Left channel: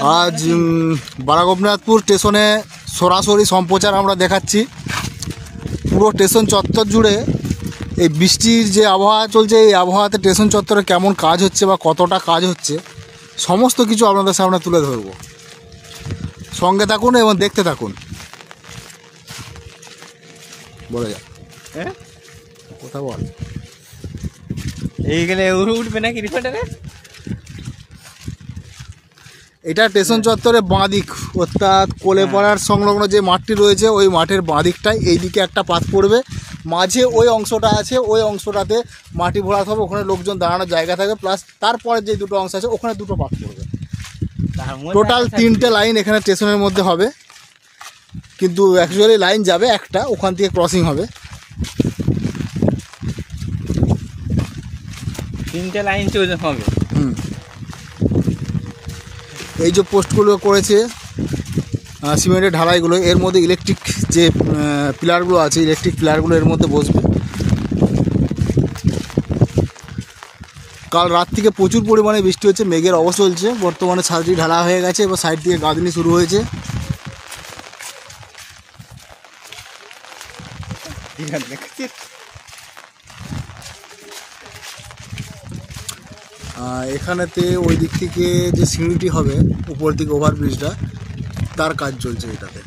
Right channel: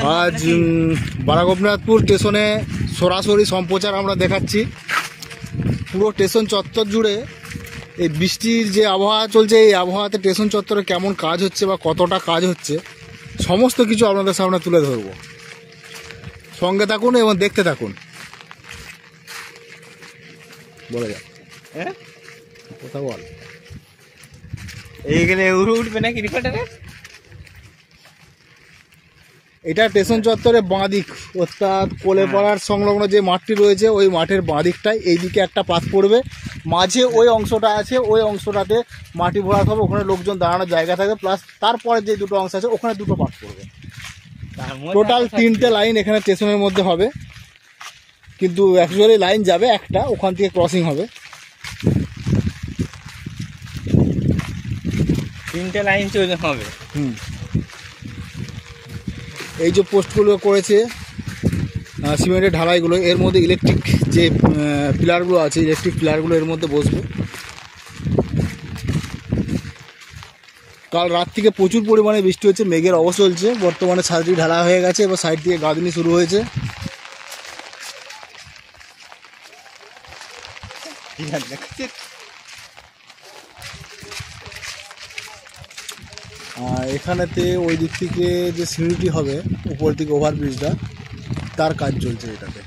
আজ বারাগোপনাথপুর স্টেশনে সরাসরি সম্প্রচার আমরা দেখাচ্ছি। পুরো স্টেশন চত্বর জুড়ে এই বৃষ্টির যে আবহাওয়া চলছে, এই আবহাওয়াতে স্টেশন চত্বরে কেমন কাজ হচ্ছে বা কতটা কাজ হচ্ছে সমস্ত কিছু আপনাদের সামনে তুলে ধরব। সঙ্গে থাকুন এবং দেখতে থাকুন। বলে যা কথা বল। এইখানে উঠবে নাকি রিপোর্টারে? এটা স্টেশন চত্বরে বাঁ দিক, অর্থাৎ কোলেপাড়ার সংলগ্ন যে মাঠটি রয়েছে ওই মাঠের বাঁ দিকটায় এইদিকে একটা পাত পড়বে, মাঝে ওই অংশটা আছে, ওই অংশটাতে মাটি ভরাট হবে, ওখানে লোকজন দাঁড়ানোর জায়গা থাকবে, প্লাস তারপরে যে দুটো অংশ আছে ওখানে দুটো পাত পড়বে। টোটাল 3টে লাইন এখানে স্টেশনের মধ্যে হবে, কিন্তু অ্যাকচুয়ালি লাইন যাবে একটা, ওখান থেকে ক্রসিং হবে। 3টে লাইন চলে হবে। এই যে পোস্টগুলো করেছে সিমেন্টের ঢালাইগুলো, এর মধ্যে ইলেকট্রিক যে পিলারগুলো আছে, ইলেকট্রিক পিলারগুলো এর মধ্যে বসবে। কাল রাত থেকে প্রচুর পরিমাণে বৃষ্টি হচ্ছে, মেঘের অবস্থা চলছে। বর্তমানে ছাদটি ঢালা হয়ে গেছে, এবার সাইড থেকে গাঁথনি শুরু হয়েছে। এখানেতে ওই দিক থেকে যে সিঁড়িটি হবে উপর থেকে ওভারব্রিজটা, তার কাজ চলছে এটাতে।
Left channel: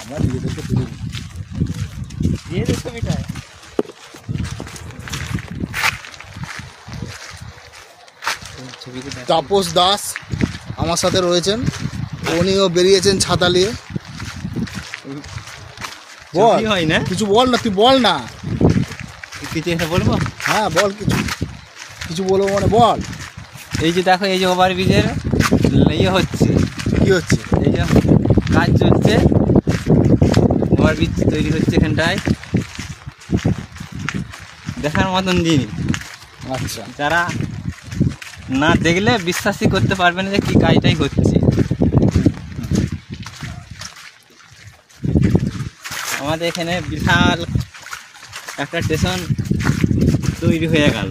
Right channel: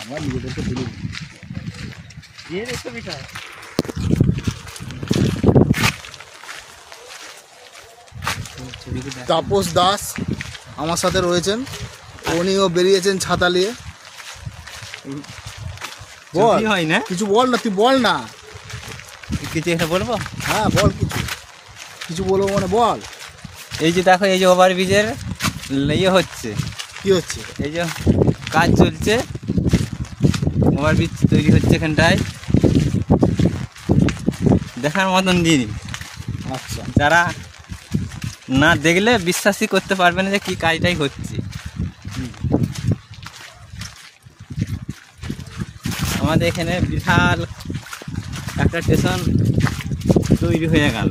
আমার নিজেদেরকে তুলে তাপস দাস আমার সাথে রয়েছেন, উনিও বেরিয়েছেন ছাতা নিয়ে। বল, হয় না কিছু বল না, তুই বল না। কিছু একটা বলবো? হ্যাঁ বল, কিছু বলবো মানে বল। এই যে দেখো, এই যে ওভারব্রিজের ইয়ে হচ্ছে। কি হচ্ছে? এই যে কাজ চলছে, ওভারব্রিজ তৈরি হচ্ছে এখানটায়, দেখার মতন জিনিস। আচ্ছা, যারা না দেখলে বিশ্বাসই করতে পারবে না যে কী কাজটাই হচ্ছে। আমাদের এখানে বিশাল একটা স্টেশন তৈরি হয়ে গেল,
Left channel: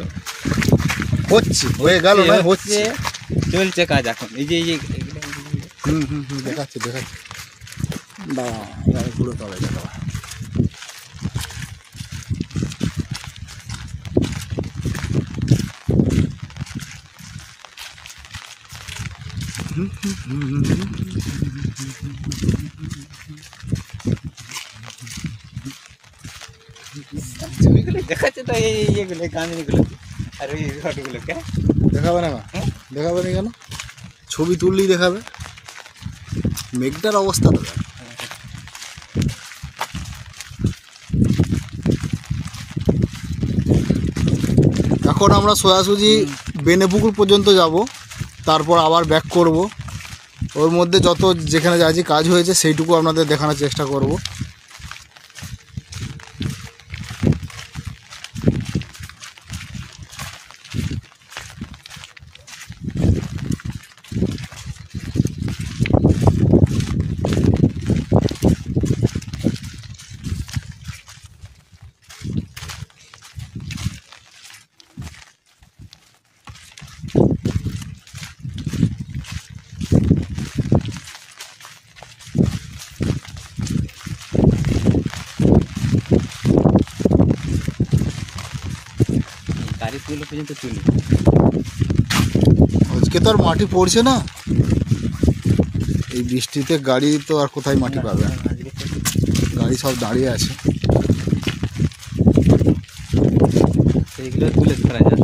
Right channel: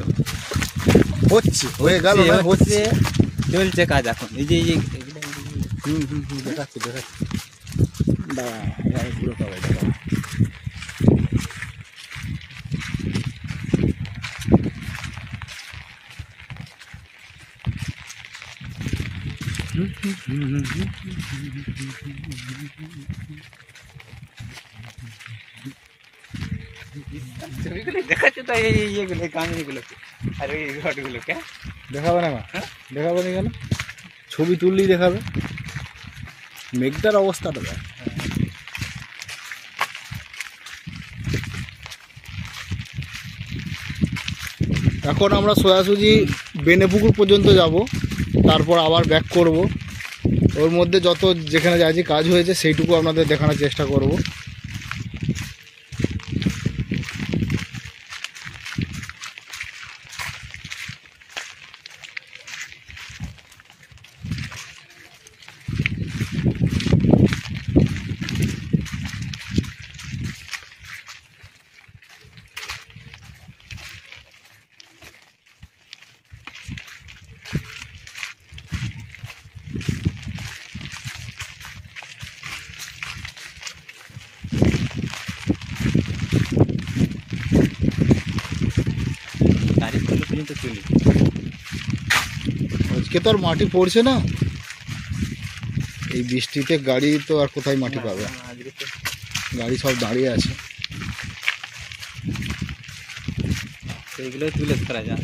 হচ্ছে চলছে কাজ এখন। এই যে দেখাচ্ছি পুরো তবে দেখা। ছবিগুলো দেখাচ্ছে তো, এই ইয়েগুলো, এই কাহিনিগুলো আর ওই ঘটগুলোকে দেখাবে না? দেখাবে না কেন? ছবি তুললেই দেখাবে। মেঘটার অবস্থাটা দেখ। এখন আমরা সোজাসুজি বেনেপুকুর পর্যন্ত যাব, তারপর আবার ব্যাক করব। ওর মধ্যে যত যেখানে যা যে কাজ হয়েছে সেইটুকু আপনাদের দেখানোর চেষ্টা করব। আজকে তো আর মাটি পড়ছে না, এই বৃষ্টিতে গাড়ি তো আর কোথায় মাটি পাবে? গাড়ি সব দাঁড়িয়ে আছে। সেইগুলো তুলে ধরা যায়।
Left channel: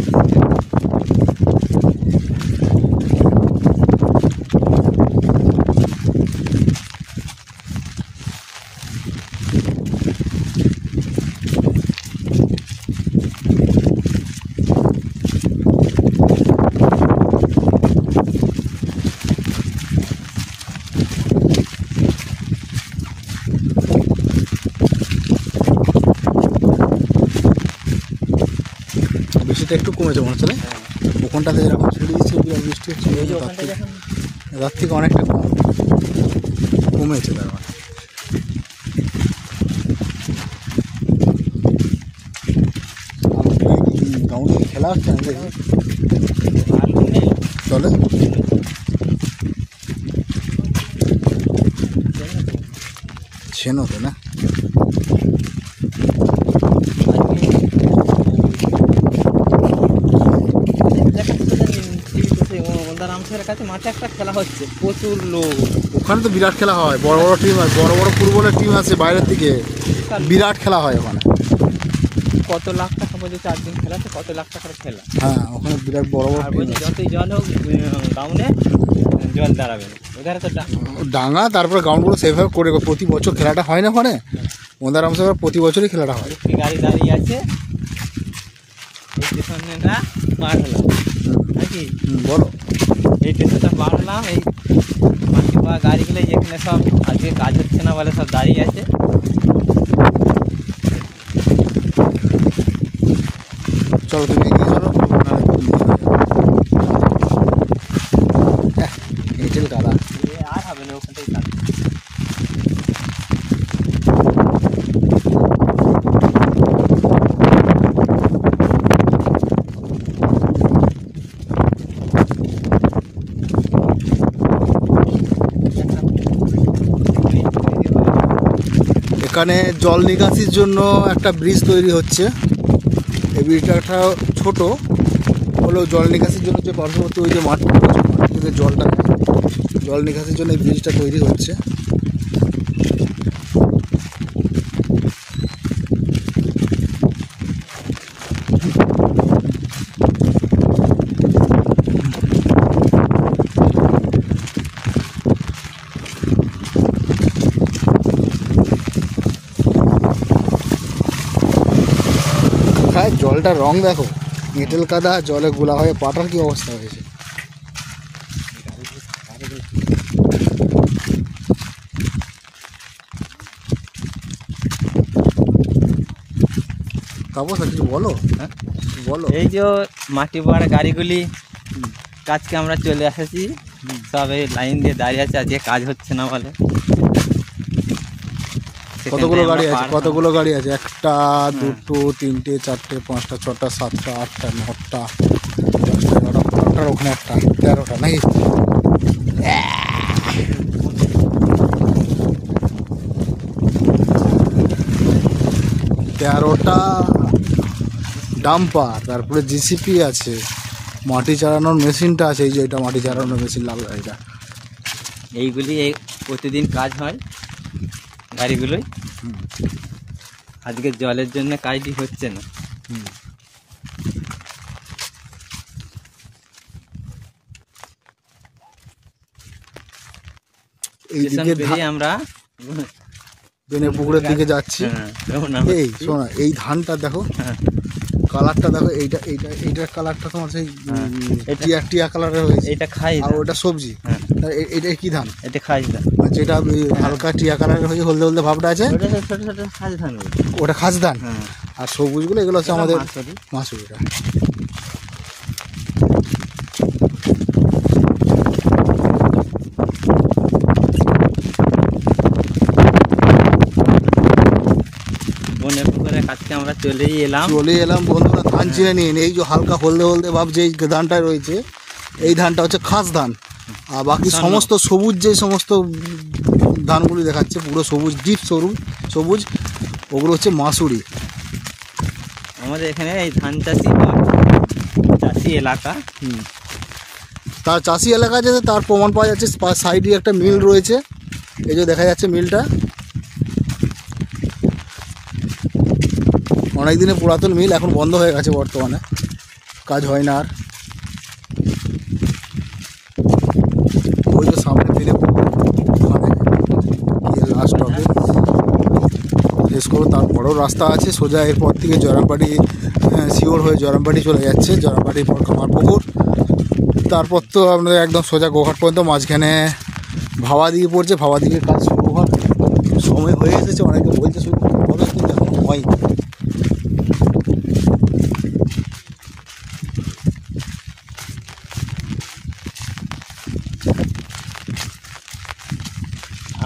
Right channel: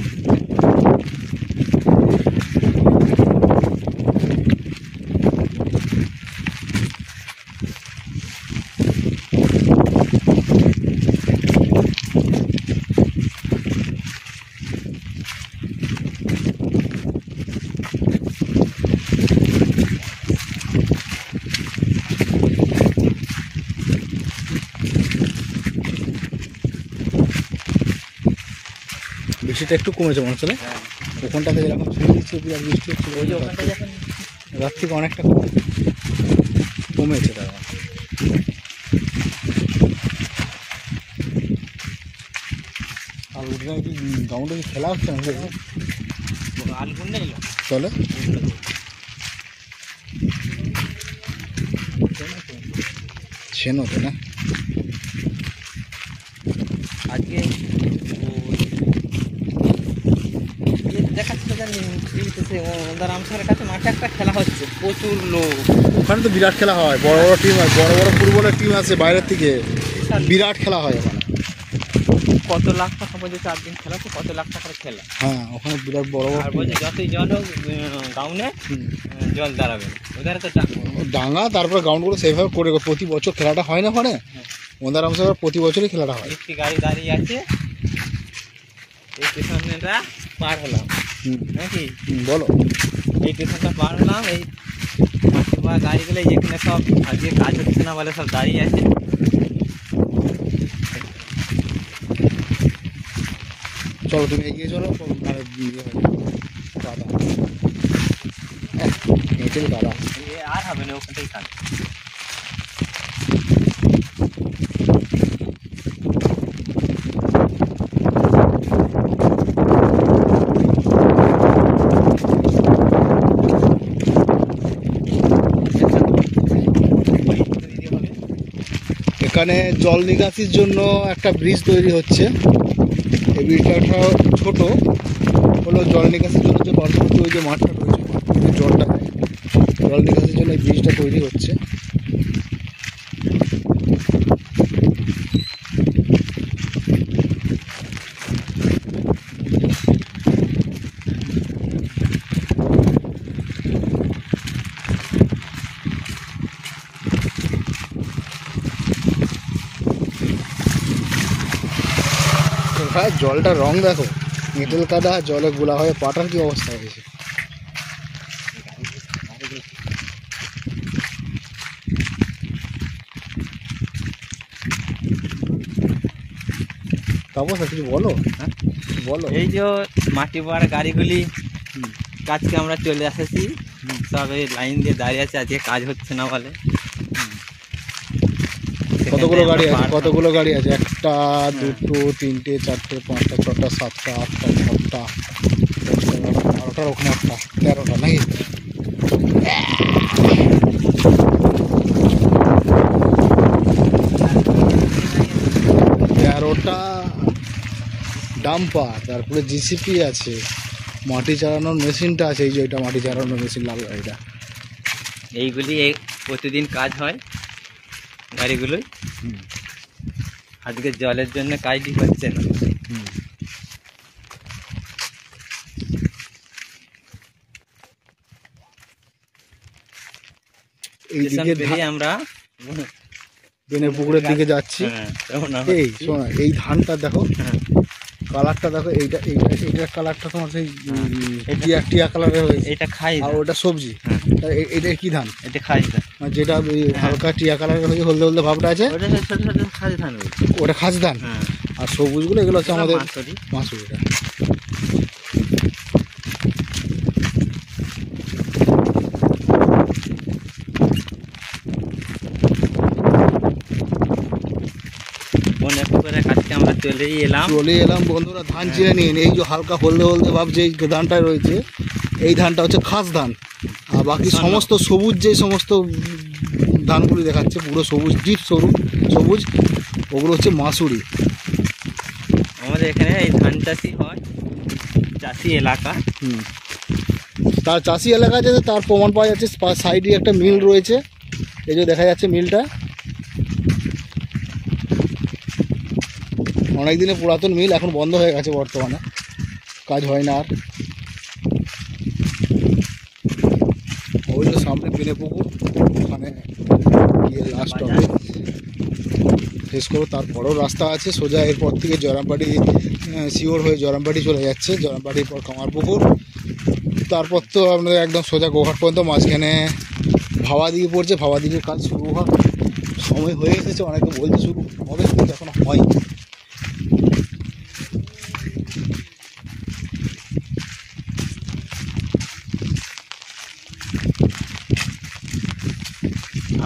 বৃষ্টিটা একটু কমেছে মনে হচ্ছে না? ওখানটাতে যেরকম ছেড়ে দিচ্ছে বিরাট বৃষ্টি হচ্ছে, রাত থেকে অনেকটা কমেছে। তার মানে খেলা হচ্ছে আমি দেখি আর নেই চলে ছেন হতো না কাছে মাঠে একটা খেলা হচ্ছে প্রচুর লোক ওখানে তো বিরাট খেলা হয় বড় বড় টিম আছে বড় বড় ফুটবলের টিম আছে বাইরের থেকে বিরাট খেলা হয় ওখানে কত লাখ টাকা বলে 4 দিন খেলা তো কত লাখ টাকার খেলা হ্যাঁ ওখানে বিরাট বড় বড় আর টিম বলছে যতই জল হোক গাউনে জল দাঁড়াবে ওদের তো ডাঙা তারপরে গ্রাউন্ডগুলো সেভাবে করে প্রতি বছর খেলাটা হয় না ওখানে মন্দারাম সাহেব প্রতি বছরই খেলাটা হয় একটি গাড়ি দাঁড়িয়ে আছে এই স্টেশনটা পার হলাম নাকি বলো এই স্টেশনটা পার হলাম এই গাড়িগুলো যেখানে সব আজকে কাজ হচ্ছে না বলে সব দাঁড়িয়ে আছে চলো তুমি এগিয়ে চলো এঁটেল কাদা আর হবে না ওখানটাই থাকবে এখানে জল নিকাশির জন্য একটা ব্রিজ তৈরি হচ্ছে এই ব্রিজটা ছোট হলো জল নিকাশির জন্য যে পার্শ্ববর্তী ওই যে মাঠ থেকে জলটা জল নিকাশির জন্য এই ব্রিজটা তৈরি হচ্ছে জলটার রং দেখো এঁটেল কাদা জলে গোলা হয়ে পাটার কি অবস্থা হয়েছে তাপস কিছু বলো হ্যাঁ বলো এই যে মাটি বড় গাড়িগুলি কাজকে আমরা চলে এসেছি সব এই লাইন দিয়ে দাঁড়িয়ে আছে আজকে কাজ হচ্ছে না বলে কতগুলো গাড়ি আছে কতগুলো গাড়ি আছে একটা দুটো তিনটে চারটে পাঁচটা ছটা সাতটা আটটা নটা 10টা 11টা 12টার ওখানে একটা 13টা নাকি তেরোটা ডাম্পার তারপরে জিসিপি আছে মাটি চালানোর মেশিনটা আছে এই যে এটা মাটি চালানোর মেশিন লাল গাড়িটা এইগুলি প্রতিদিন কাজ হয় গাড়িগুলোই আজকে জলের জন্য কাজটি হচ্ছে না এইদিকে আমরা বেনে পুকুরের দিকে যাচ্ছি এই শোনা এই ধানটা দেখো কালারটা দেখো এইটা এইটা এইটার কালারটা তোমার সেই টিয়া টিয়া কালারের হয়েছে এটা খাই আর ওটা সবজি এটা কি ধান এটা খাই ধান যেটা হালকা টিয়া কালারের হয়ে হলদে হলদে ভাবটা আছে ওটা খাস ধান আর সবুজগুলো এগুলো হচ্ছে আমাদের মাসুরিটা আমরা চলে এলাম বন্ধুরা ধান চিনে নিয়ে এই যে হালকা হলদে হলদে ভাব যে ধানটা রয়েছে এই ধানটা হচ্ছে খাস ধান আর বাকি সমস্ত সবুজ যে সমস্ত ধানগুলি দেখাচ্ছে পুরো সবুজ ডিপ সবুজ ওগুলো হচ্ছে মাসুরি আমাদের এখানে এই ধান চাষি এলাকা তার চাষি এলাকা আছে তার প্রমাণ পাওয়া যাচ্ছে সাইডে একটা মিল রয়েছে এই যে দেখা যাচ্ছে মিলটা অনেক দিনে পুরাতন মিল এখন বন্ধ হয়ে গেছে বর্তমানে কাজ হয় না আর ওই যে সামনে ফেলে ওখানে গিয়ে লাস্ট হবে শেষ করো তার বড় রাস্তা আছে সোজা এরপর থেকে জয়রামবাটি শিওর হয়ে জয়রামবাটি চলে যাচ্ছে জয়রামবাটির পর কামারপুকুর তারপর তো আপনাদের একদম সোজা গোঘাট পর্যন্ত মাঝখানে ভাবাদিঘি পড়ছে ভাবাদিঘির কাজ শুরু হওয়ার সময় হয়ে এসেছে অনেকে বলতে শুরু হবে কিন্তু এখন হয়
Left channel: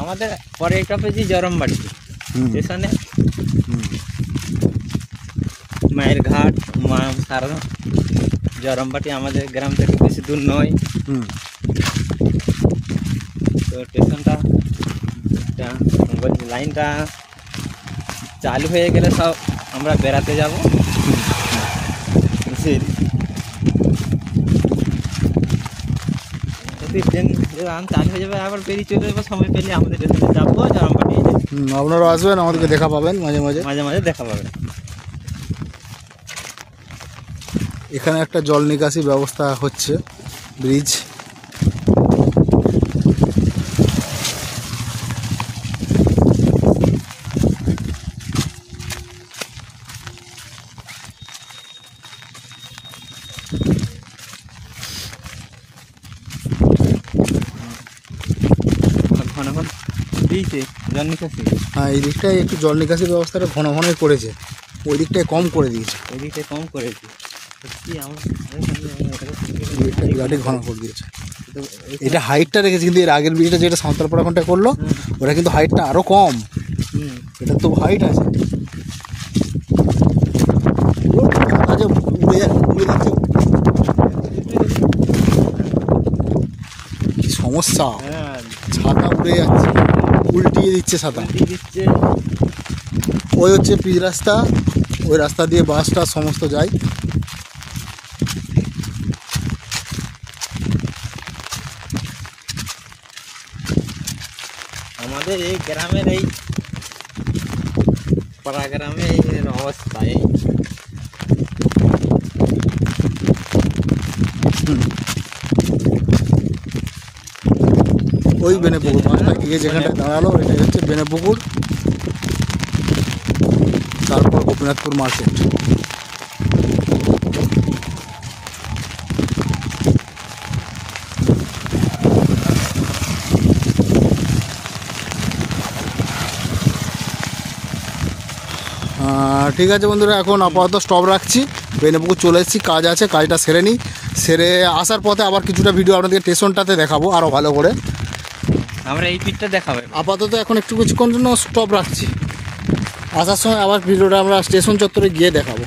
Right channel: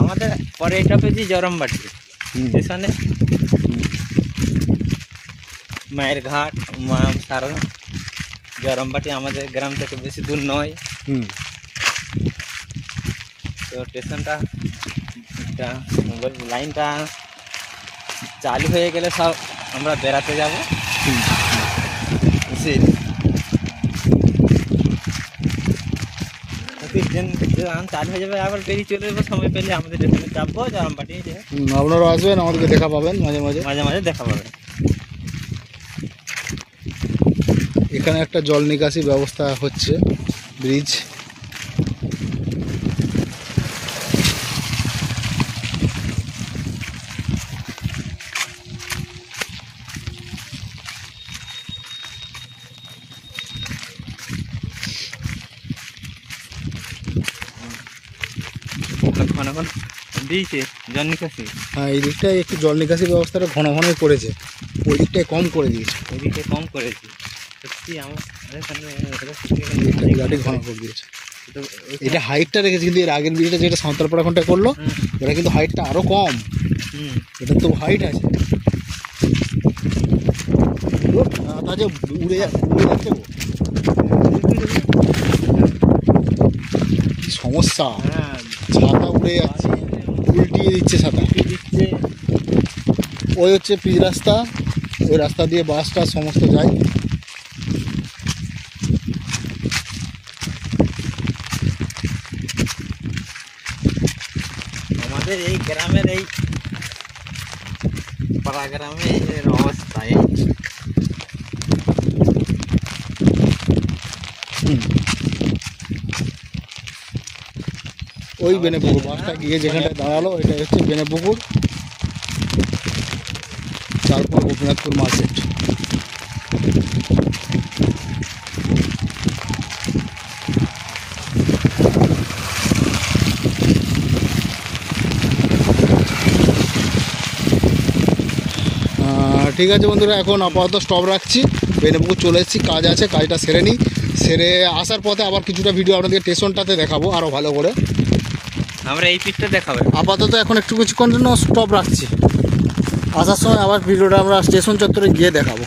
আমাদের পরে এটা পেয়েছি জয়রামবাটি স্টেশনে মায়ের ঘাট সারা জরমবাটি আমাদের গ্রাম থেকে বেশি দূর নয়। হুম। তো স্টেশনটা লাইনটা চালু হয়ে গেলে সব আমরা বেড়াতে যাব। ট্রেন চালু হয়ে যাবে আবার বেরিয়ে চলে যাবে, সময় পেলে আমাদের স্টেশনে যাবো জরমবাটি। আপনারা আসবেন, আমাদেরকে দেখা পাবেন মাঝে মাঝে। মাঝে মাঝে দেখা পাবে। এখানে একটা জল নিকাশি ব্যবস্থা হচ্ছে, ব্রিজ। ঘন ঘন দিয়েছে জল নিকাশি। হ্যাঁ, এই দিকটায় একটু জল নিকাশি ব্যবস্থাটা ঘন ঘনই করেছে, ওই দিকটায় কম করে দিয়েছে। ওই দিকটা কম করেছি সত্যি এই দিকটা বিরাটই ঘন করে দিয়েছে। এটা হাইটটা রেখেছে, কিন্তু এর আগের ব্রিজটা যেটা সাঁওতালপাড়া কোনটা করলো ওটা কিন্তু হাইটটা আরও কম। এটা তো হাইট আছে। উড়ে যাচ্ছে, কি সমস্যা, হ্যাঁ ছাতা উড়ে যাচ্ছে, উল্টিয়ে দিচ্ছে ছাতা। দিচ্ছে। ওই হচ্ছে পিচ রাস্তা, ওই রাস্তা দিয়ে বাসটা সমস্ত যায়। আমাদের এই গ্রামের এই পাড়া গ্রামে এর অবস্থা এই। ওই বেনেপুকুর বাসটা গিয়ে যেখানটায় দাঁড়ালো এটাই হচ্ছে বেনেপুকুর, তারপর গোপীনাথপুর মার্কেট। ঠিক আছে বন্ধুরা, এখন আপাতত স্টপ রাখছি। বেনেপুকুর চলে এসেছি, কাজ আছে, কাজটা সেরে নিই। সেরে আসার পথে আবার কিছুটা ভিডিও আপনাদের স্টেশনটাতে দেখাবো আরও ভালো করে। আমরা এই পিকটা দেখাবো। আপাতত এখন একটু কিছুক্ষণ জন্য স্টপ রাখছি, আসার সময় আবার ভিডিওটা আমরা স্টেশন চত্বরে গিয়ে দেখাবো।